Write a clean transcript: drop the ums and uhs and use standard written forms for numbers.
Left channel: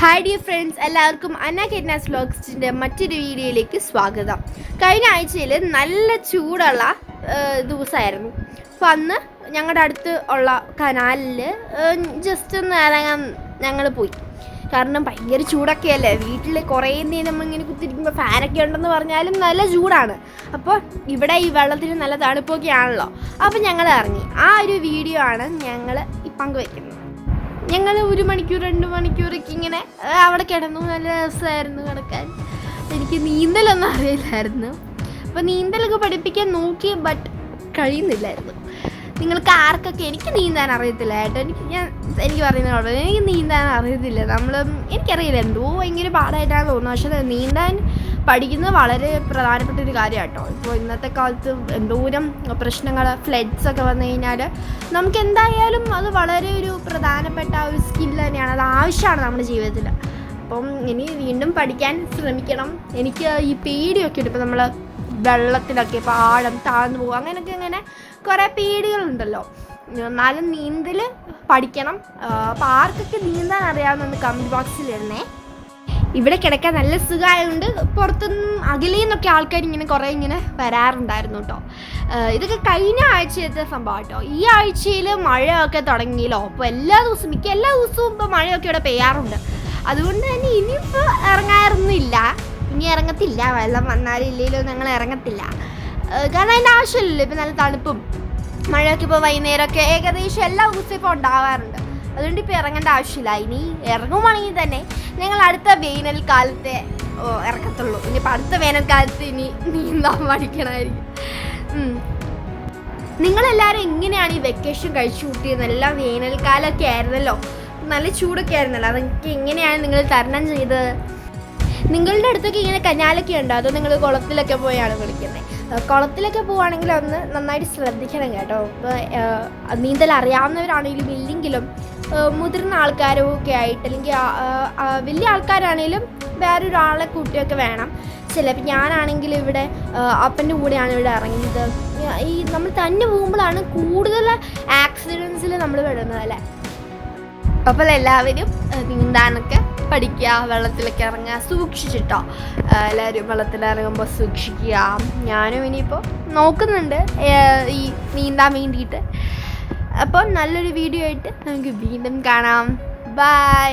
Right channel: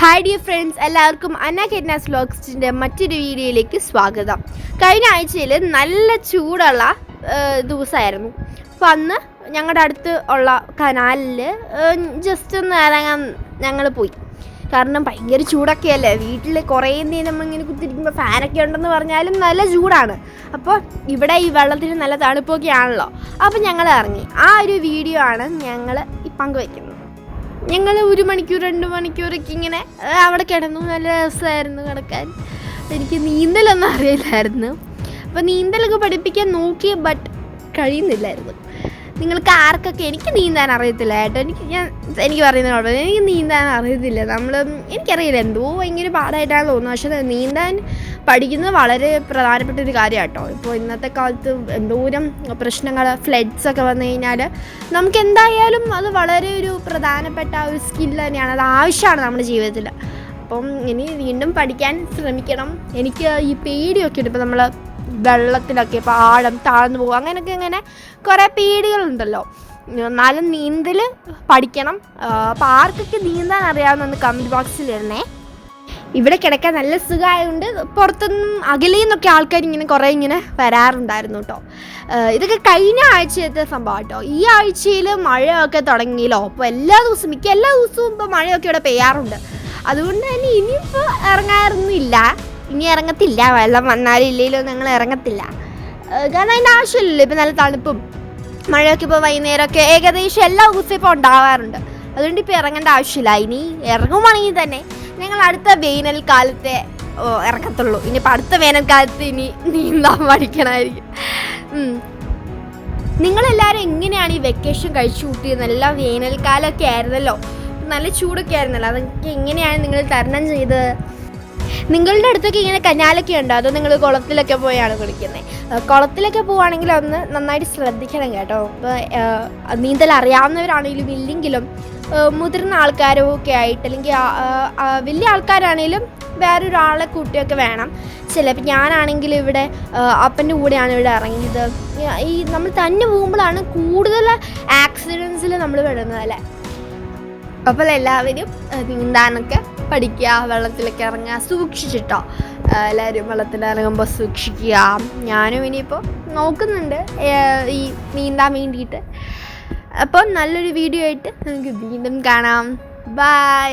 Hi dear friends, എല്ലാവർക്കും അന്ന കെറ്റ്നാസ് വ്ലോഗ്സിൻ്റെ മറ്റൊരു വീഡിയോയിലേക്ക് സ്വാഗതം. കഴിഞ്ഞ ആഴ്ചയിൽ നല്ല ചൂടുള്ള ദിവസമായിരുന്നു. അപ്പോൾ അന്ന് ഞങ്ങളുടെ അടുത്ത് ഉള്ള കനാലിൽ ജസ്റ്റ് ഒന്ന് ഇറങ്ങാൻ ഞങ്ങൾ പോയി. കാരണം ഭയങ്കര ചൂടൊക്കെയല്ലേ, വീട്ടിൽ കുറേ നേരം നമ്മളിങ്ങനെ കുത്തിരിക്കുമ്പോൾ ഫാനൊക്കെ ഉണ്ടെന്ന് പറഞ്ഞാലും നല്ല ചൂടാണ്. അപ്പോൾ ഇവിടെ ഈ വെള്ളത്തിൽ നല്ല തണുപ്പൊക്കെ ആണല്ലോ. അപ്പോൾ ഞങ്ങൾ ഇറങ്ങി. ആ ഒരു വീഡിയോ ആണ് ഞങ്ങൾ പങ്കുവയ്ക്കുന്നത്. ഞങ്ങൾ 1 മണിക്കൂർ 2 മണിക്കൂറൊക്കെ ഇങ്ങനെ അവിടെ കിടന്നു. നല്ല രസമായിരുന്നു കിടക്കാൻ. എനിക്ക് നീന്തലൊന്നും അറിയില്ലായിരുന്നു. അപ്പോൾ നീന്തലൊക്കെ പഠിപ്പിക്കാൻ നോക്കി, ബട്ട് കഴിയുന്നില്ലായിരുന്നു. നിങ്ങൾക്ക് ആർക്കൊക്കെ എനിക്ക് നീന്താൻ അറിയത്തില്ല കേട്ടോ. എനിക്ക് പറയുന്ന കുഴപ്പമില്ല, എനിക്ക് നീന്താൻ അറിയത്തില്ല. എനിക്കറിയില്ല, എന്തോ ഭയങ്കര പാടായിട്ടാണ് തോന്നുന്നത്. പക്ഷേ നീന്താൻ പഠിക്കുന്നത് വളരെ പ്രധാനപ്പെട്ട ഒരു കാര്യമാണ് കേട്ടോ. ഇപ്പോൾ ഇന്നത്തെ കാലത്ത് എന്തോരം പ്രശ്നങ്ങൾ, ഫ്ലഡ്സൊക്കെ വന്നു കഴിഞ്ഞാൽ നമുക്ക് എന്തായാലും അത് വളരെ ഒരു പ്രധാനപ്പെട്ട ഒരു സ്കില്ല് തന്നെയാണ്. അത് ആവശ്യമാണ് നമ്മുടെ ജീവിതത്തിൽ. അപ്പം ഇനി വീണ്ടും പഠിക്കാൻ ശ്രമിക്കണം. എനിക്ക് ഈ പേടിയൊക്കെ ഉണ്ട്. ഇപ്പോൾ നമ്മൾ വെള്ളത്തിലൊക്കെ ഇപ്പോൾ ആഴം താഴ്ന്നു പോകും, അങ്ങനെയൊക്കെ ഇങ്ങനെ കുറേ പേടികളുണ്ടല്ലോ. എന്നാലും നീന്തൽ പഠിക്കണം. അപ്പോൾ ആർക്കൊക്കെ നീന്താൻ അറിയാവുന്ന കമൻറ്റ് ബോക്സിലിരുന്നേ. ഇവിടെ കിടക്കാൻ നല്ല സുഖമായതുകൊണ്ട് പുറത്തുനിന്ന് അകലിൽ നിന്നൊക്കെ ആൾക്കാർ കുറേ വരാറുണ്ടായിരുന്നു കേട്ടോ. ഇതൊക്കെ കഴിഞ്ഞ ആഴ്ചത്തെ സംഭവം കേട്ടോ. ഈ ആഴ്ചയിൽ മഴയൊക്കെ തുടങ്ങിയല്ലോ. അപ്പോൾ എല്ലാ ദിവസവും ഇപ്പോൾ മഴയൊക്കെ ഇവിടെ പെയ്യാറുണ്ട്. അതുകൊണ്ട് തന്നെ ഇനിയിപ്പോൾ ഇനി ഇറങ്ങത്തില്ല. വെള്ളം വന്നാലും ഇല്ലെങ്കിലോ ഞങ്ങൾ ഇറങ്ങത്തില്ല. കാരണം അതിൻ്റെ ആവശ്യമില്ലല്ലോ. ഇപ്പോൾ നല്ല തണുപ്പും മഴയൊക്കെ ഇപ്പോൾ വൈകുന്നേരമൊക്കെ ഏകദേശം എല്ലാ ദിവസവും ഇപ്പോൾ ഉണ്ടാവാറുണ്ട്. അതുകൊണ്ട് ഇപ്പോൾ ഇറങ്ങേണ്ട ആവശ്യമില്ല. ഇനി ഇറങ്ങുവാണെങ്കിൽ തന്നെ ഞങ്ങൾ അടുത്ത വേനൽക്കാലത്തെ ഇറക്കത്തുള്ളൂ. ഇനിയിപ്പോൾ അടുത്ത വേനൽക്കാലത്ത് ഇനി നീന്താൻ പഠിക്കണമായിരിക്കും. നിങ്ങളെല്ലാവരും എങ്ങനെയാണ് ഈ വെക്കേഷൻ കഴിച്ചു കൂട്ടിയത്? നല്ല വേനൽക്കാലമൊക്കെ ആയിരുന്നല്ലോ, നല്ല ചൂടൊക്കെ ആയിരുന്നല്ലോ. അതൊക്കെ എങ്ങനെയാണ് നിങ്ങൾ തരണം ചെയ്തത്? നിങ്ങളുടെ അടുത്തൊക്കെ കനാലൊക്കെ ഉണ്ടോ, അതോ നിങ്ങൾ കുളത്തിലൊക്കെ പോയാണ് കുളിക്കുന്നത്? കുളത്തിലൊക്കെ പോവുകയാണെങ്കിൽ ഒന്ന് നന്നായിട്ട് ശ്രദ്ധിക്കണം കേട്ടോ. ഇപ്പോൾ നീന്തൽ അറിയാവുന്നവരാണെങ്കിലും ഇല്ലെങ്കിലും മുതിർന്ന ആൾക്കാരും ഒക്കെ ആയിട്ട്, അല്ലെങ്കിൽ വലിയ ആൾക്കാരാണെങ്കിലും വേറൊരാളെ കൂട്ടിയൊക്കെ വേണം. ചിലപ്പോൾ ഞാനാണെങ്കിലും ഇവിടെ അപ്പൻ്റെ കൂടെയാണ് ഇവിടെ ഇറങ്ങിയത്. ഈ നമ്മൾ തന്നെ പോകുമ്പോഴാണ് കൂടുതൽ ആക്സിഡൻസിൽ നമ്മൾ പെടുന്നത് അല്ലേ. അപ്പോൾ എല്ലാവരും നീന്താനൊക്കെ പഠിക്കുക, വെള്ളത്തിലൊക്കെ ഇറങ്ങുക, സൂക്ഷിച്ചിട്ടോ. എല്ലാവരും വെള്ളത്തിലിറങ്ങുമ്പോൾ സൂക്ഷിക്കുക. ഞാനും ഇനിയിപ്പോൾ നോക്കുന്നുണ്ട് ഈ നീന്താൻ വേണ്ടിയിട്ട്. അപ്പോൾ നല്ലൊരു വീഡിയോ ആയിട്ട് നമുക്ക് വീണ്ടും കാണാം. ബൈ.